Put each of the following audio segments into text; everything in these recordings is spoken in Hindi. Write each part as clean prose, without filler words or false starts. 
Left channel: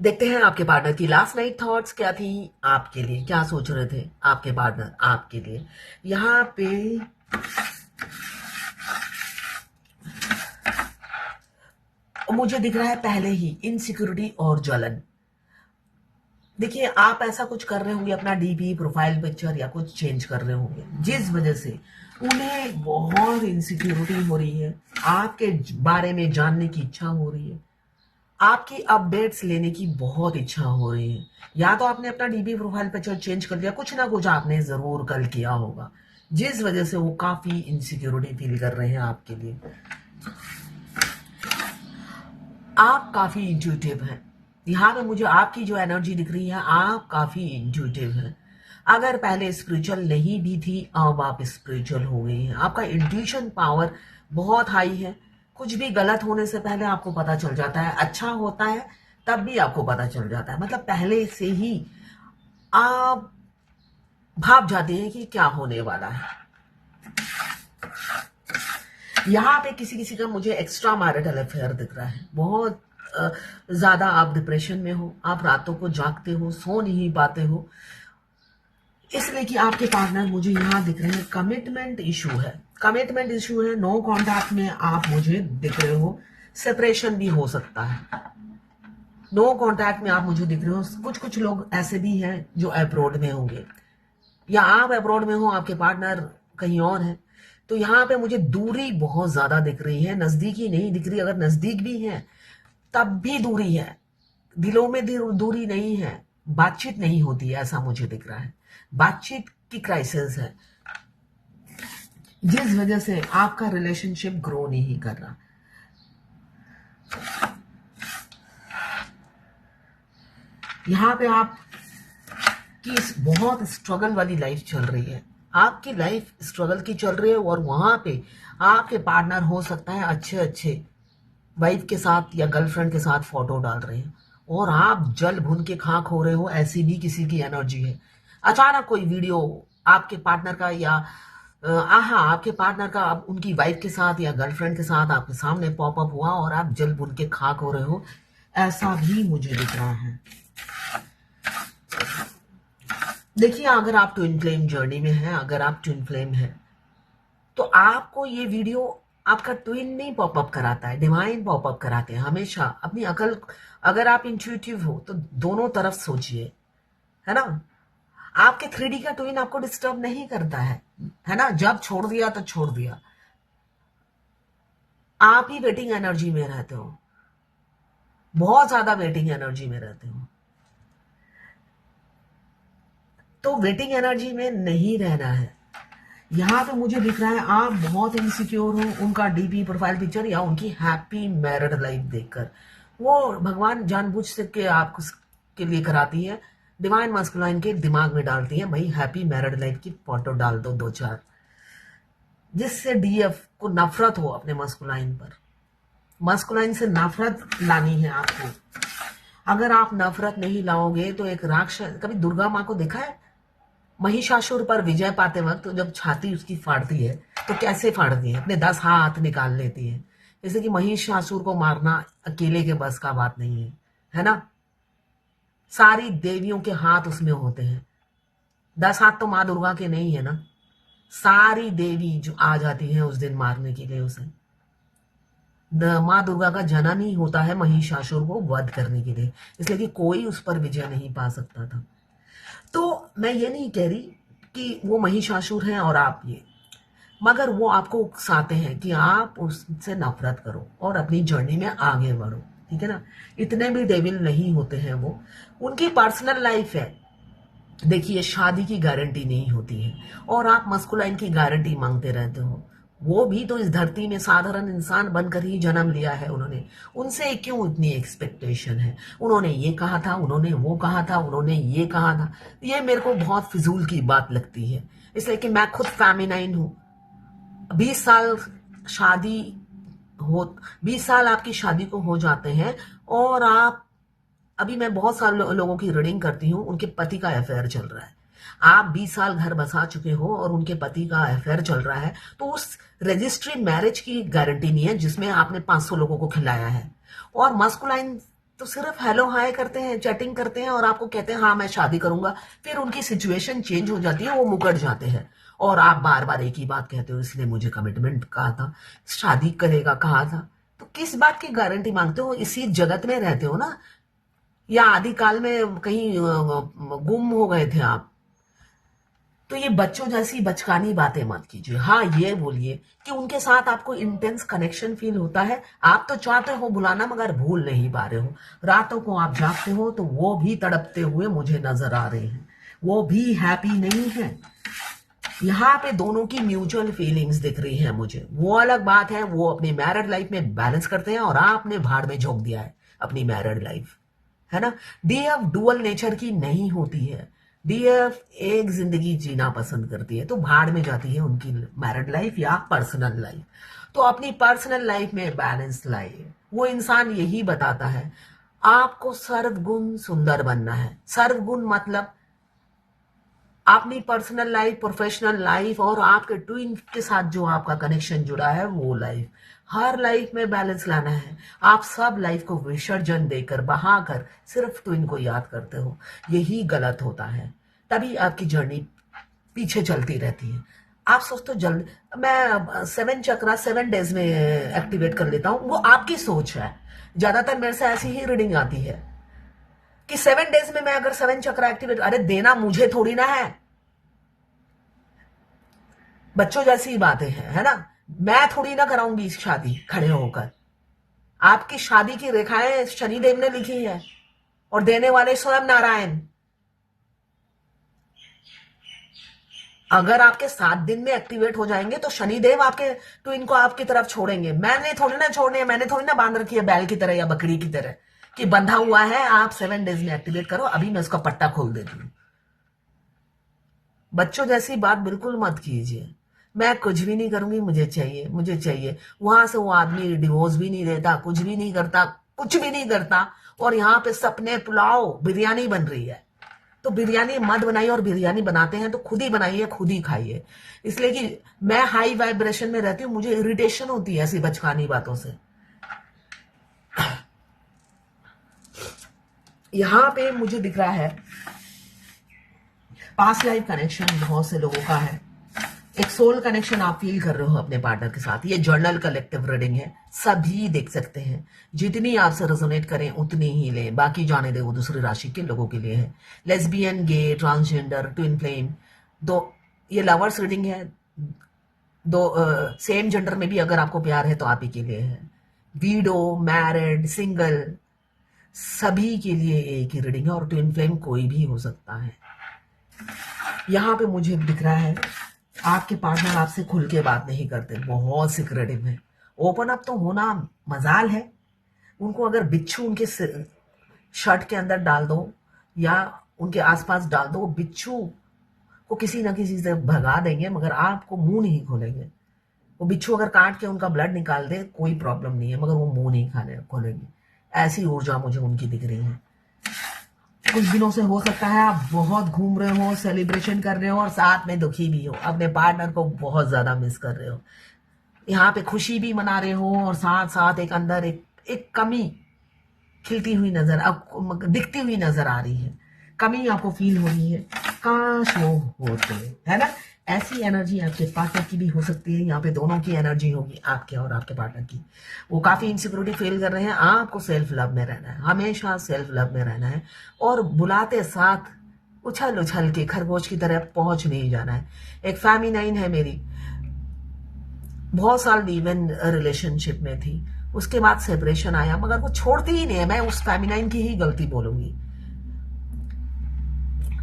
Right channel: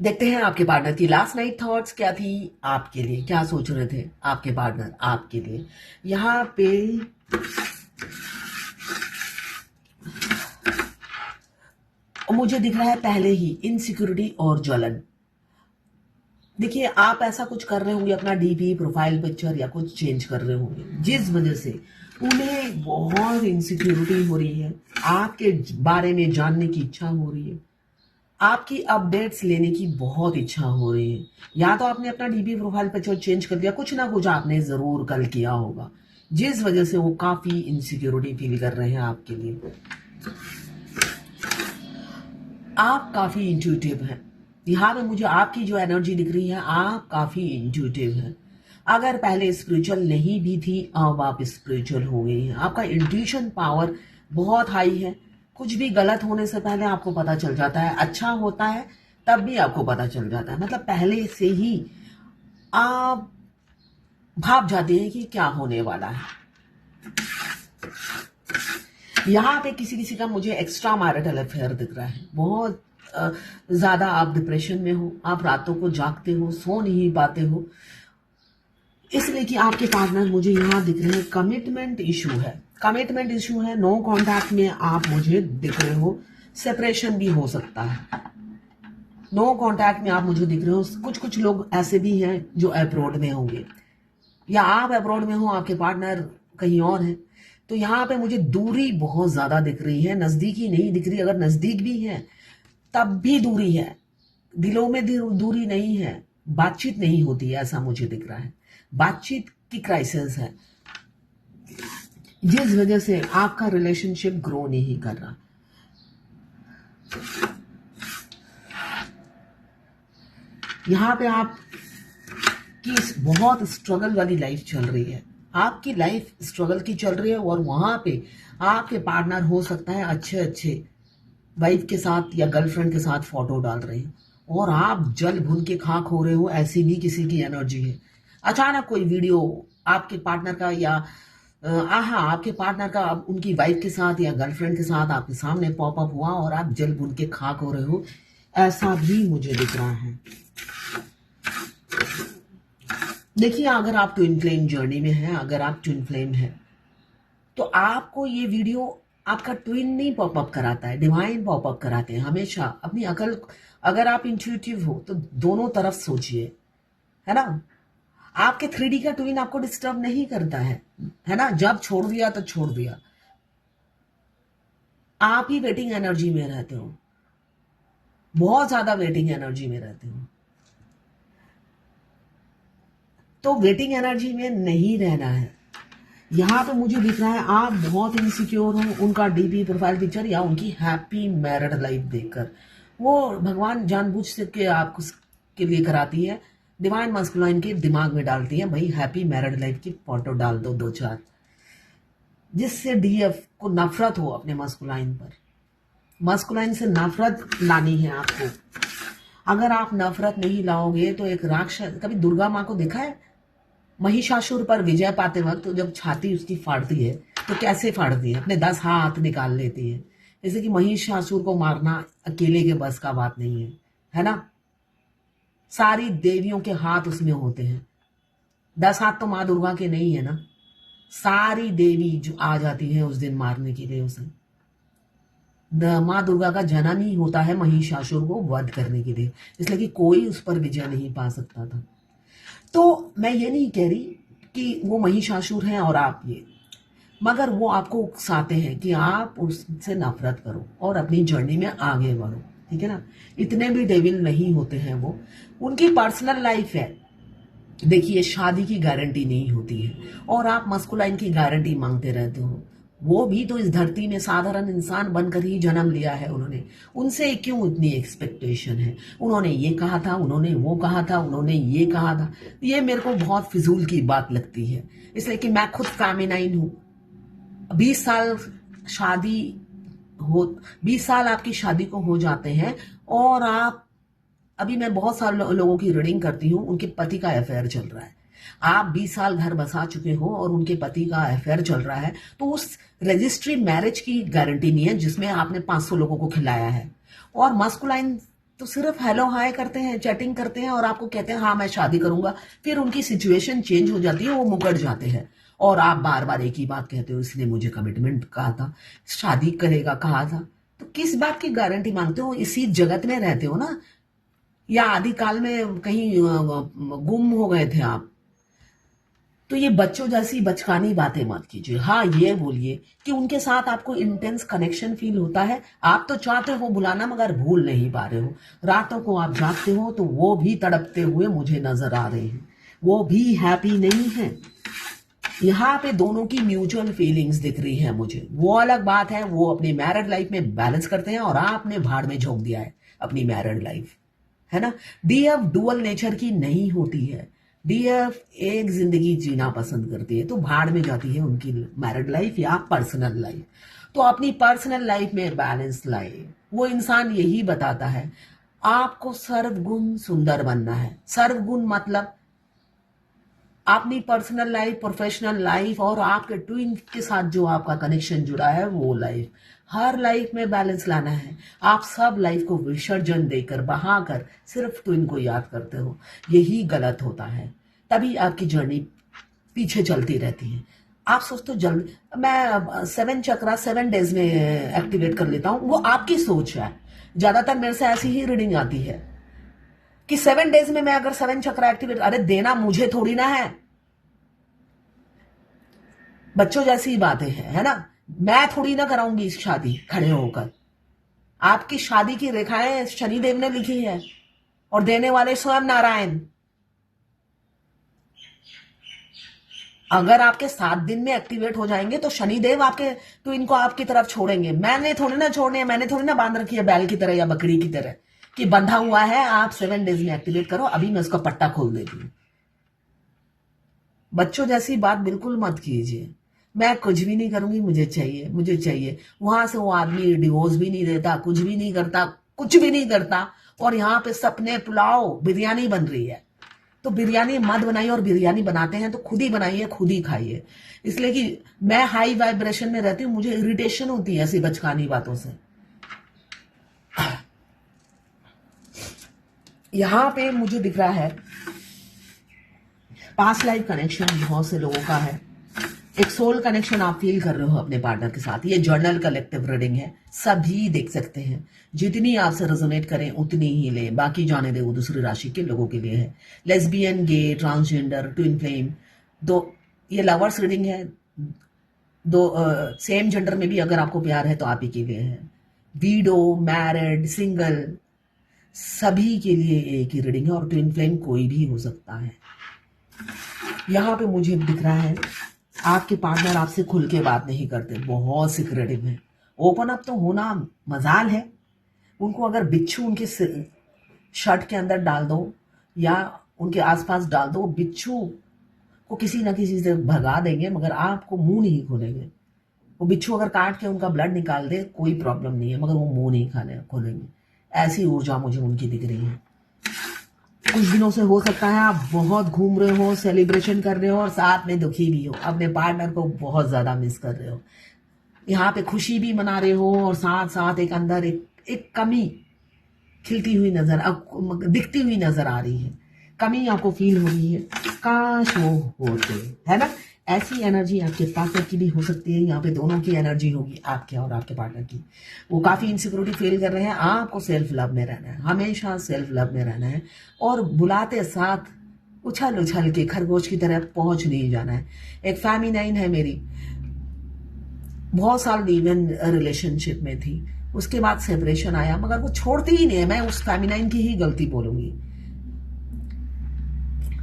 देखते हैं आपके पार्टनर की लास्ट नाइट थॉट्स क्या थी, आपके लिए क्या सोच रहे थे आपके पार्टनर आपके लिए। यहाँ पे मुझे दिख रहा है पहले ही इनसिक्योरिटी और जलन। देखिए, आप ऐसा कुछ कर रहे होंगे, अपना डीपी प्रोफाइल पिक्चर या कुछ चेंज कर रहे होंगे, जिस वजह से उन्हें बहुत इनसिक्योरिटी हो रही है, आपके बारे में जानने की इच्छा हो रही है, आपकी अपडेट्स लेने की बहुत इच्छा हो रही है। या तो आपने अपना डीपी प्रोफाइल पिक्चर चेंज कर दिया, कुछ ना कुछ आपने जरूर कल किया होगा, जिस वजह से वो काफी इनसिक्योरिटी फील कर रहे हैं आपके लिए। आप काफी इंट्यूटिव हैं। यहाँ पे मुझे आपकी जो एनर्जी दिख रही है, आप काफी इंट्यूटिव हैं। अगर पहले स्पिरिचुअल नहीं भी थी, अब आप स्पिरिचुअल हो गई हैं। आपका इंट्यूशन पावर बहुत हाई है। कुछ भी गलत होने से पहले आपको पता चल जाता है, अच्छा होता है तब भी आपको पता चल जाता है। मतलब पहले से ही आप भाप जाते हैं कि क्या होने वाला है। यहाँ पे किसी किसी का मुझे एक्स्ट्रा मैरिटल अफेयर दिख रहा है। बहुत ज्यादा आप डिप्रेशन में हो, आप रातों को जागते हो, सो नहीं पाते हो, इसलिए कि आपके पार्टनर मुझे यहाँ दिख रहे हैं कमिटमेंट इशू है। कमिटमेंट इशू है, नो कॉन्टैक्ट में आप मुझे दिख रहे हो। सेपरेशन भी हो सकता है, नो कॉन्टैक्ट में आप मुझे दिख रहे हो। कुछ कुछ लोग ऐसे भी हैं जो अब्रॉड में होंगे, या आप अब्रॉड में हो, आपके पार्टनर कहीं और है। तो यहाँ पे मुझे दूरी बहुत ज्यादा दिख रही है, नजदीकी नहीं दिख रही। अगर नजदीक भी है तब भी दूरी है, दिलों में दूरी नहीं है, बातचीत नहीं होती है, ऐसा मुझे दिख रहा है। बातचीत की क्राइसिस है, जिस वजह से आपका रिलेशनशिप ग्रो नहीं कर रहा। यहाँ पे आप की बहुत स्ट्रगल वाली लाइफ चल रही है, आपकी लाइफ स्ट्रगल की चल रही है, और वहां पे आपके पार्टनर हो सकता है अच्छे अच्छे वाइफ के साथ या गर्लफ्रेंड के साथ फोटो डाल रहे हैं, और आप जल भून के खाक हो रहे हो। ऐसी भी किसी की एनर्जी है। अचानक कोई वीडियो आपके पार्टनर का या आपके पार्टनर का उनकी वाइफ के साथ या गर्लफ्रेंड के साथ आपके सामने पॉपअप हुआ और आप जल भून के खाक हो रहे हो, ऐसा भी मुझे दिख रहा है। देखिए, अगर आप ट्विन फ्लेम जर्नी में हैं, अगर आप ट्विन फ्लेम हैं, तो आपको ये वीडियो आपका ट्विन नहीं पॉपअप कराता है, डिवाइन पॉपअप कराते हैं हमेशा। अपनी अकल, अगर आप इंट्यूटिव हो तो दोनों तरफ सोचिए, है ना। आपके 3D का ट्विन आपको डिस्टर्ब नहीं करता है ना। जब छोड़ दिया तो छोड़ दिया, आप ही वेटिंग एनर्जी में रहते हो, बहुत ज्यादा वेटिंग एनर्जी में रहते हो। तो वेटिंग एनर्जी में नहीं रहना है। यहाँ पे मुझे दिख रहा है आप बहुत इनसिक्योर हो उनका डीपी प्रोफाइल पिक्चर या उनकी हैप्पी मैरिड लाइफ देखकर। वो भगवान जानबूझ से के आपको के लिए कराती है, डिवाइन मस्कुलाइन के दिमाग में डालती है, भाई हैप्पी मैरिड लाइफ की फोटो डाल दो 2-4, जिससे डीएफ को नफरत हो अपने मस्कुलाइन पर। मस्कुलाइन से नफरत लानी है आपको। अगर आप नफरत नहीं लाओगे तो एक राक्षस, कभी दुर्गा माँ को देखा है महिषासुर पर विजय पाते वक्त तो जब छाती उसकी फाड़ती है तो कैसे फाड़ती है, अपने 10 हाथ निकाल लेती है। जैसे कि महिषासुर को मारना अकेले के बस का बात नहीं है ना। सारी देवियों के हाथ उसमें होते हैं, 10 हाथ तो माँ दुर्गा के नहीं है ना। सारी देवी जो आ जाती है उस दिन मारने के लिए उसे। माँ दुर्गा का जन्म ही होता है महिषासुर को वध करने के लिए, इसलिए कि कोई उस पर विजय नहीं पा सकता था। तो मैं ये नहीं कह रही कि वो महिषासुर हैं और आप ये, मगर वो आपको उकसाते हैं कि आप उससे नफरत करो और अपनी जर्नी में आगे बढ़ो, ठीक है ना। इतने भी डेविल नहीं होते हैं वो, उनकी पर्सनल लाइफ है। देखिए, शादी की गारंटी नहीं होती है और आप मस्कुलाइन की गारंटी मांगते रहते हो। वो भी तो इस धरती में साधारण इंसान बनकर ही जन्म लिया है उन्होंने, उनसे क्यों इतनी एक्सपेक्टेशन है। उन्होंने ये कहा था, उन्होंने वो कहा था, उन्होंने ये कहा था। ये मेरे को बहुत फिजूल की बात लगती है, इसलिए कि मैं खुद फेमिनाइन हूं। 20 साल शादी हो, 20 साल आपकी शादी को हो जाते हैं और आप, अभी मैं बहुत सारे लोगों की रीडिंग करती हूँ, उनके पति का अफेयर चल रहा है। आप 20 साल घर बसा चुके हो और उनके पति का अफेयर चल रहा है, तो उस रजिस्ट्री मैरिज की गारंटी नहीं है जिसमें आपने 500 लोगों को खिलाया है। और मस्कुलाइन तो सिर्फ हेलो हाय करते हैं, चैटिंग करते हैं और आपको कहते हैं हाँ मैं शादी करूंगा, फिर उनकी सिचुएशन चेंज हो जाती है, वो मुकर जाते हैं और आप बार बार एक ही बात कहते हो, इसने मुझे कमिटमेंट कहा था, शादी करेगा कहा था। तो किस बात की गारंटी मांगते हो? इसी जगत में रहते हो ना, या आदि काल में कहीं गुम हो गए थे आप? तो ये बच्चों जैसी बचकानी बातें मत कीजिए। हाँ ये बोलिए कि उनके साथ आपको इंटेंस कनेक्शन फील होता है, आप तो चाहते हो बुलाना मगर भूल नहीं पा रहे हो। रातों को आप जागते हो तो वो भी तड़पते हुए मुझे नजर आ रहे हैं, वो भी हैप्पी नहीं है। यहाँ पे दोनों की म्यूचुअल फीलिंग्स दिख रही है मुझे। वो अलग बात है, वो अपनी मैरिड लाइफ में बैलेंस करते हैं और आपने भाड़ में झोंक दिया है अपनी मैरिड लाइफ, है ना। डीएफ डुअल नेचर की नहीं होती है, डीएफ एक जिंदगी जीना पसंद करती है, तो भाड़ में जाती है उनकी मैरिड लाइफ या पर्सनल लाइफ। तो अपनी पर्सनल लाइफ में बैलेंस लाइए। वो इंसान यही बताता है आपको सर्वगुण सुंदर बनना है। सर्वगुण मतलब अपनी पर्सनल लाइफ, प्रोफेशनल लाइफ और आपके ट्विन के साथ जो आपका कनेक्शन जुड़ा है वो लाइफ, हर लाइफ में बैलेंस लाना है। आप सब लाइफ को विसर्जन देकर बहाकर सिर्फ ट्विन को याद करते हो, यही गलत होता है। तभी आपकी जर्नी पीछे चलती रहती है। आप सोचते हो जल्द मैं 7 चक्रा 7 डेज में एक्टिवेट कर लेता हूं, वो आपकी सोच है। ज्यादातर मेरे से ऐसी ही रीडिंग आती है कि 7 डेज में मैं अगर 7 चक्रा एक्टिवेट, अरे देना मुझे थोड़ी ना है, बच्चों जैसी बातें हैं, है ना। मैं थोड़ी ना कराऊंगी इस शादी खड़े होकर। आपकी शादी की रेखाएं शनिदेव ने लिखी है और देने वाले स्वयं नारायण। अगर आपके 7 दिन में एक्टिवेट हो जाएंगे तो शनिदेव आपके तो इनको आपकी तरफ छोड़ेंगे। मैंने थोड़ी ना छोड़ने, मैंने थोड़ी ना बांध रखी है बैल की तरह या बकरी की तरह कि बंधा हुआ है आप 7 डेज में एक्टिवेट करो, अभी मैं उसका पट्टा खोल देती हूं। बच्चों जैसी बात बिल्कुल मत कीजिए। मैं कुछ भी नहीं करूंगी, मुझे चाहिए, मुझे चाहिए। वहां से वो आदमी डिवोर्स भी नहीं देता, कुछ भी नहीं करता, कुछ भी नहीं करता, और यहाँ पे सपने पुलाव बिरयानी बन रही है। तो बिरयानी मत बनाइए, और बिरयानी बनाते हैं तो खुद ही बनाइए, खुद ही खाइए। इसलिए कि मैं हाई वाइब्रेशन में रहती हूँ, मुझे इरिटेशन होती है ऐसी बचकानी बातों से। यहां पे मुझे दिख रहा है पास्ट लाइफ कनेक्शन बहुत से लोगों का है। एक सोल कनेक्शन आप फील कर रहे हो अपने पार्टनर के साथ। ये जर्नल कलेक्टिव रीडिंग है, सभी देख सकते हैं। जितनी आपसे रेजोनेट करें उतनी ही ले, बाकी जाने दे, वो दूसरी राशि के लोगों के लिए है। लेस्बियन, गे, ट्रांसजेंडर, ट्विन फ्लेम, दो ये लवर्स रीडिंग है। दो सेम जेंडर में भी अगर आपको प्यार है तो आप ही के लिए है। वीडो, मैरिड, सिंगल, सभी के लिए एक ही रीडिंग है, और ट्विन फ्लेम कोई भी हो सकता है। यहाँ पे मुझे दिख रहा है आपके पार्टनर आपसे खुल के बात नहीं करते, बहुत सिक्रेटिव है। ओपन अप तो होना मजाल है। उनको अगर बिच्छू उनके शर्ट के अंदर डाल दो या उनके आसपास डाल दो, बिच्छू को किसी ना किसी से भगा देंगे, मगर आपको मुंह नहीं खोलेंगे। वो बिच्छू अगर काट के उनका ब्लड निकाल दे कोई प्रॉब्लम नहीं है, मगर वो मुंह नहीं खोलेंगे। ऐसी ऊर्जा मुझे उनकी दिख रही है। कुछ दिनों से हो सकता है आप बहुत घूम रहे हो, सेलिब्रेशन कर रहे हो और साथ में दुखी भी हो, अपने पार्टनर को बहुत ज्यादा मिस कर रहे हो। यहाँ पे खुशी भी मना रहे हो और साथ साथ एक अंदर एक कमी खिलती हुई दिखती हुई नजर आ रही है। कमी आपको फील हो रही है, काश वो होते, है ना। ऐसी एनर्जी आपके पार्टनर की भी हो सकती है। यहाँ पे दोनों की एनर्जी होगी, आपके और आपके पार्टनर की। वो काफी इनसिक्योरिटी फील कर रहे हैं। आपको सेल्फ लव में रहना है, हमेशा सेल्फ लव में रहना है, और बुलाते साथ उछल उछल के खरगोश की तरह पहुंच नहीं जाना है। एक फेमिनाइन है मेरी, बहुत साल लीव-इन रिलेशनशिप में थी, उसके बाद सेपरेशन आया, मगर वो छोड़ती ही नहीं है। मैं उस फेमिनाइन की ही गलती बोलूंगी,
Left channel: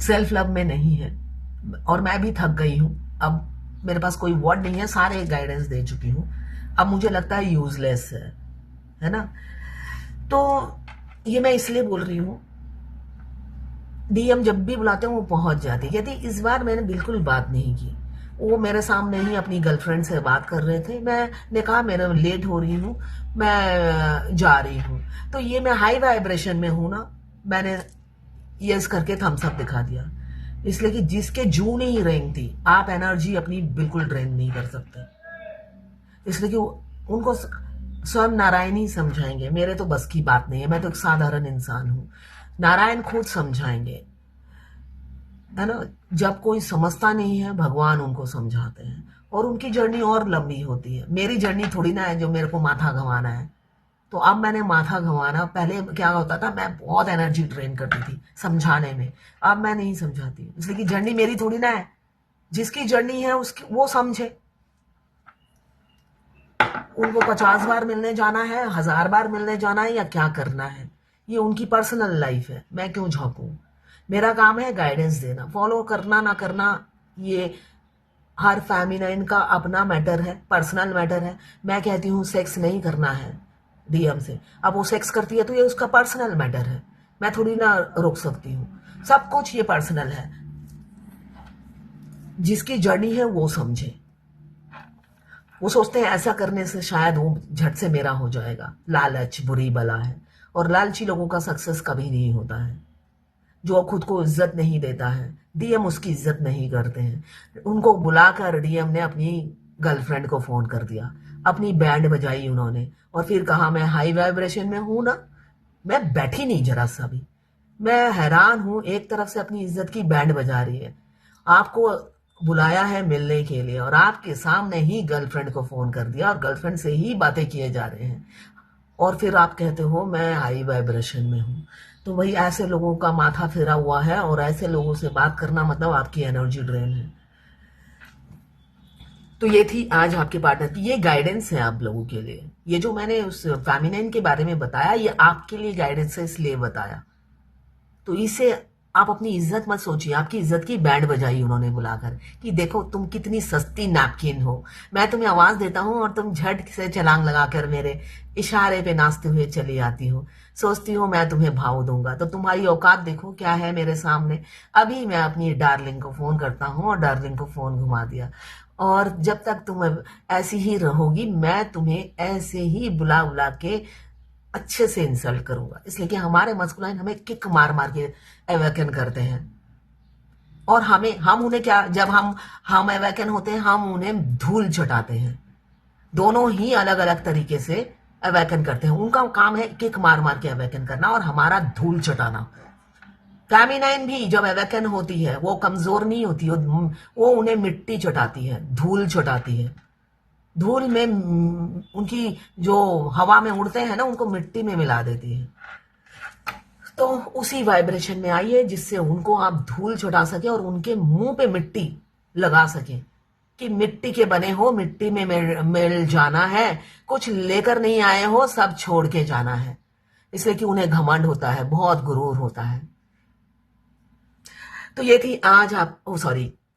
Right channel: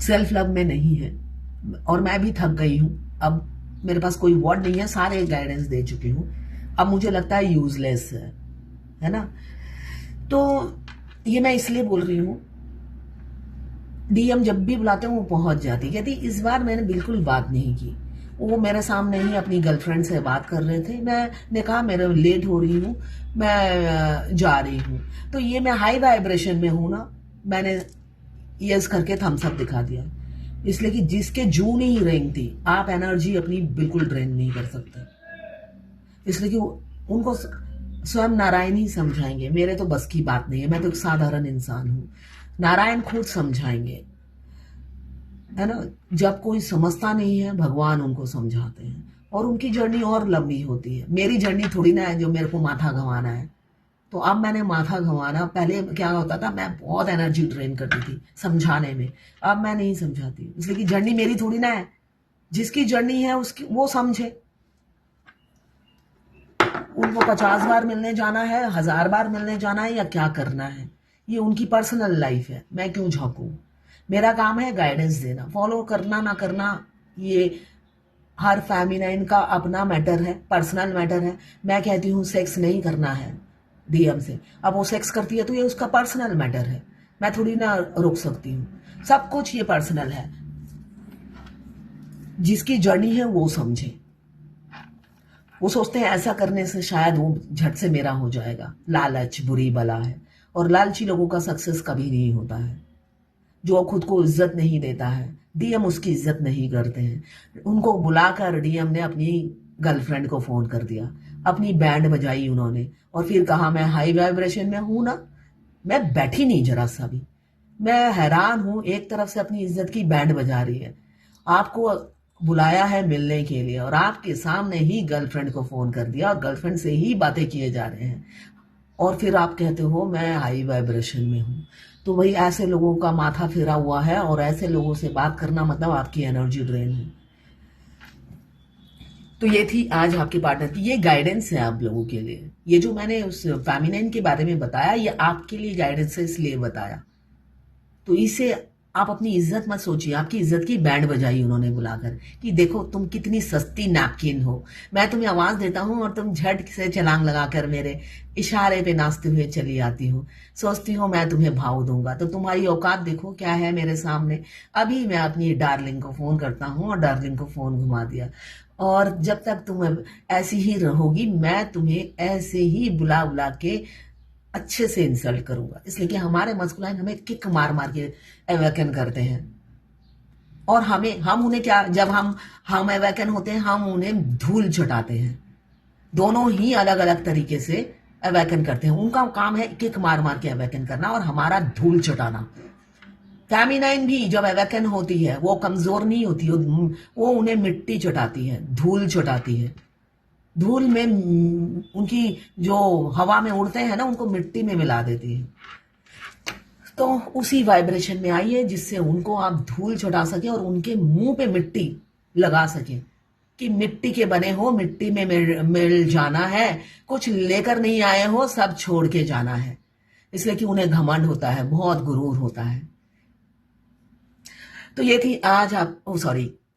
सेल्फ लव में नहीं है। और मैं भी थक गई हूं, अब मेरे पास कोई वर्ड नहीं है, सारे गाइडेंस दे चुकी हूं, अब मुझे लगता है यूजलेस है ना। तो ये मैं इसलिए बोल रही हूं, डीएम जब भी बुलाते हैं वो पहुंच जाती। कहती इस बार मैंने बिल्कुल बात नहीं की, वो मेरे सामने ही अपनी गर्लफ्रेंड से बात कर रहे थे। मैंने कहा मेरे लेट हो रही हूँ, मैं जा रही हूँ। तो ये मैं हाई वाइब्रेशन में हूं ना, मैंने यस करके थम्स अप दिखा दिया। इसलिए कि जिसके जून ही रेंगती, आप एनर्जी अपनी बिल्कुल ड्रेन नहीं कर सकते। इसलिए कि उनको स्वयं नारायण ही समझाएंगे, मेरे तो बस की बात नहीं है, मैं तो एक साधारण इंसान हूं। नारायण खुद समझाएंगे, है ना। जब कोई समझता नहीं है, भगवान उनको समझाते हैं, और उनकी जर्नी और लंबी होती है। मेरी जर्नी थोड़ी ना है जो मेरे को माथा घमाना है। तो अब मैंने माथा घमाना, पहले क्या होता था, मैं बहुत एनर्जी ट्रेन करती थी समझाने में। अब मैं नहीं समझाती, इसलिए कि जर्नी मेरी थोड़ी ना है। जिसकी जर्नी है उसकी वो समझे। उनको 50 बार मिलने जाना है, 1000 बार मिलने जाना है, या क्या करना है, ये उनकी पर्सनल लाइफ है, मैं क्यों झांकू। मेरा काम है गाइडेंस देना, फॉलो करना ना करना ये हर फेमिनाइन का अपना मैटर है, पर्सनल मैटर है। मैं कहती हूँ सेक्स नहीं करना है डीएम से, अब वो सेक्स करती है तो ये उसका पर्सनल मैटर है, मैं थोड़ी ना रोक सकती हूँ। सब कुछ ये पर्सनल है, जिसकी जर्नी है वो समझे। वो सोचते हैं ऐसा करने से शायद वो झट से मेरा हो जाएगा। लालच बुरी बला है, और लालची लोगों का सक्सेस कभी नहीं होता है। जो खुद को इज्जत नहीं देता है, डीएम उसकी इज्जत नहीं करते हैं। उनको बुलाकर डीएम ने अपनी गर्लफ्रेंड को फोन कर दिया, अपनी बैंड बजाई उन्होंने, और फिर कहा मैं हाई वाइब्रेशन में हूं ना। मैं बैठी नहीं जरा सा भी, मैं हैरान हूं। एक तरफ से अपनी इज्जत की बैंड बजा रही है, आपको बुलाया है मिलने के लिए, और आपके सामने ही गर्लफ्रेंड को फोन कर दिया, और गर्लफ्रेंड से ही बातें किए जा रहे हैं, और फिर आप कहते हो मैं हाई वाइब्रेशन में हूं। तो वही ऐसे लोगों का माथा फेरा हुआ है, और ऐसे लोगों से बात करना मतलब आपकी एनर्जी ड्रेन है। तो ये थी आज आपके पार्टनर की, ये गाइडेंस है आप लोगों के लिए। ये जो मैंने उस फेमिनिन के बारे में बताया, ये आपके लिए गाइडेंस है, इसलिए बताया। तो इसे आप अपनी इज्जत मत सोचिए, आपकी इज्जत की बैंड बजाई उन्होंने बुलाकर कि देखो तुम कितनी सस्ती नैपकिन हो, मैं तुम्हें आवाज देता हूं और तुम झट से छलांग लगाकर मेरे इशारे पे नाचते हुए चली आती हो, सोचती हो मैं तुम्हें भाव दूंगा। तो तुम्हारी औकात देखो क्या है मेरे सामने। अभी मैं अपनी डार्लिंग को फोन करता हूं, और डार्लिंग को फोन घुमा दिया, और जब तक तुम ऐसी ही रहोगी, मैं तुम्हें ऐसे ही बुला बुला के अच्छे से इंसल्ट करूंगा। इसलिए कि हमारे मस्कुलाइन हमें किक मार मार के अवेकन करते हैं, और हम उन्हें क्या, जब हम अवेकन होते हैं, हम उन्हें धूल चटाते हैं। दोनों ही अलग अलग तरीके से अवेकन करते हैं। उनका काम है किक मार मार के अवेकन करना, और हमारा धूल चटाना। फेमिनाइन भी जब अवेकन होती है वो कमजोर नहीं होती, वो उन्हें मिट्टी चटाती है, धूल चटाती है। धूल में उनकी जो हवा में उड़ते हैं ना, उनको मिट्टी में मिला देती है। तो उसी वाइब्रेशन में आइए जिससे उनको आप धूल चटा सके, और उनके मुंह पे मिट्टी लगा सके कि मिट्टी के बने हो, मिट्टी में मिल जाना है, कुछ लेकर नहीं आए हो, सब छोड़ के जाना है। इसलिए कि उन्हें घमंड होता है, बहुत गुरूर होता है। तो ये थी आज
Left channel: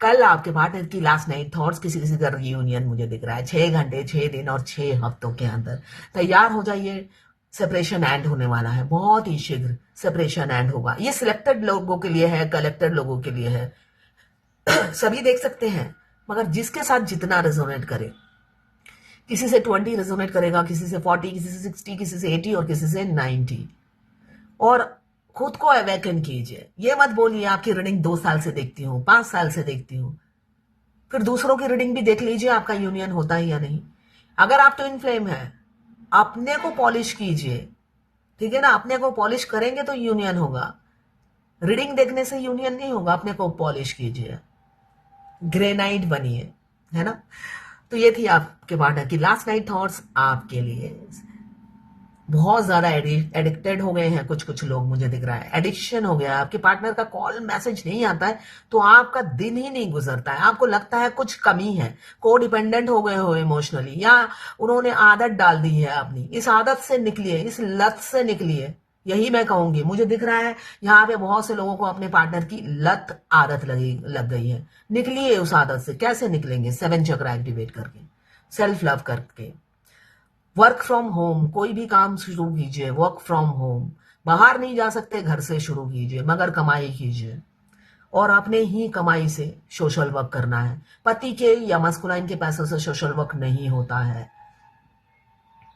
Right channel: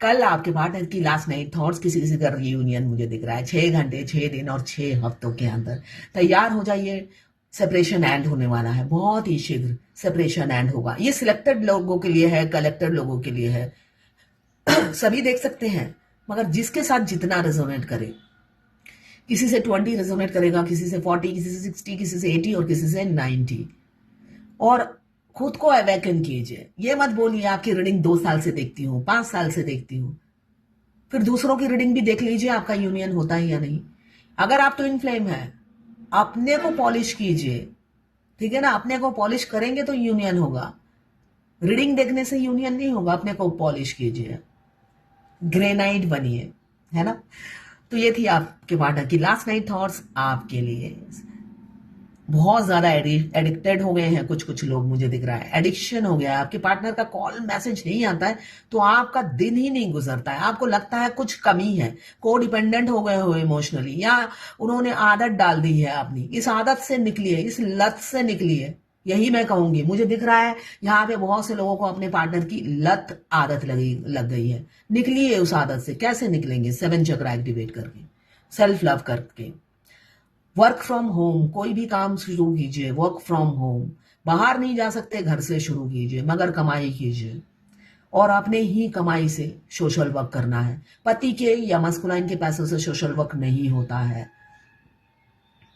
कल आपके पार्टनर की लास्ट नाइट थॉट्स। किसी किसी का रियूनियन मुझे दिख रहा है 6 घंटे, 6 दिन और 6 हफ्तों के अंदर। तैयार हो जाइए, सेपरेशन एंड होने वाला है, बहुत ही शीघ्र सेपरेशन एंड होगा। ये सिलेक्टेड लोगों के लिए है, कलेक्टेड लोगों के लिए है। सभी देख सकते हैं, मगर जिसके साथ जितना रेजोनेट करे। किसी से 20 रेजोनेट करेगा, किसी से 40, किसी से 60, किसी से 80 और किसी से 90। और खुद को अवेकन कीजिए। ये मत बोलिए आपकी रीडिंग 2 साल से देखती हूँ, 5 साल से देखती हूँ। फिर दूसरों की रीडिंग भी देख लीजिए, आपका यूनियन होता है या नहीं। अगर आप ट्विन फ्लेम है, अपने को पॉलिश कीजिए, ठीक है ना। अपने को पॉलिश करेंगे तो यूनियन होगा, रीडिंग देखने से यूनियन नहीं होगा। अपने को पॉलिश कीजिए, ग्रेनाइट बनिए, है ना। तो ये थी आपके पार्टनर की लास्ट नाइट थॉट्स आपके लिए। बहुत ज्यादा एडिक्टेड हो गए हैं कुछ लोग, मुझे दिख रहा है एडिक्शन हो गया है। आपके पार्टनर का कॉल मैसेज नहीं आता है तो आपका दिन ही नहीं गुजरता है, आपको लगता है कुछ कमी है। को डिपेंडेंट हो गए हो इमोशनली, या उन्होंने आदत डाल दी है अपनी। इस आदत से निकलिए, इस लत से निकलिए, यही मैं कहूंगी। मुझे दिख रहा है यहाँ पे बहुत से लोगों को अपने पार्टनर की आदत लग गई है। निकलिए उस आदत से। कैसे निकलेंगे? 7 चक्र एक्टिवेट करके, सेल्फ लव करके, वर्क फ्रॉम होम, कोई भी काम शुरू कीजिए वर्क फ्रॉम होम। बाहर नहीं जा सकते, घर से शुरू कीजिए, मगर कमाई कीजिए, और अपने ही कमाई से सोशल वर्क करना है। पति के या मस्कुलाइन के पैसों से सोशल वर्क नहीं होता है।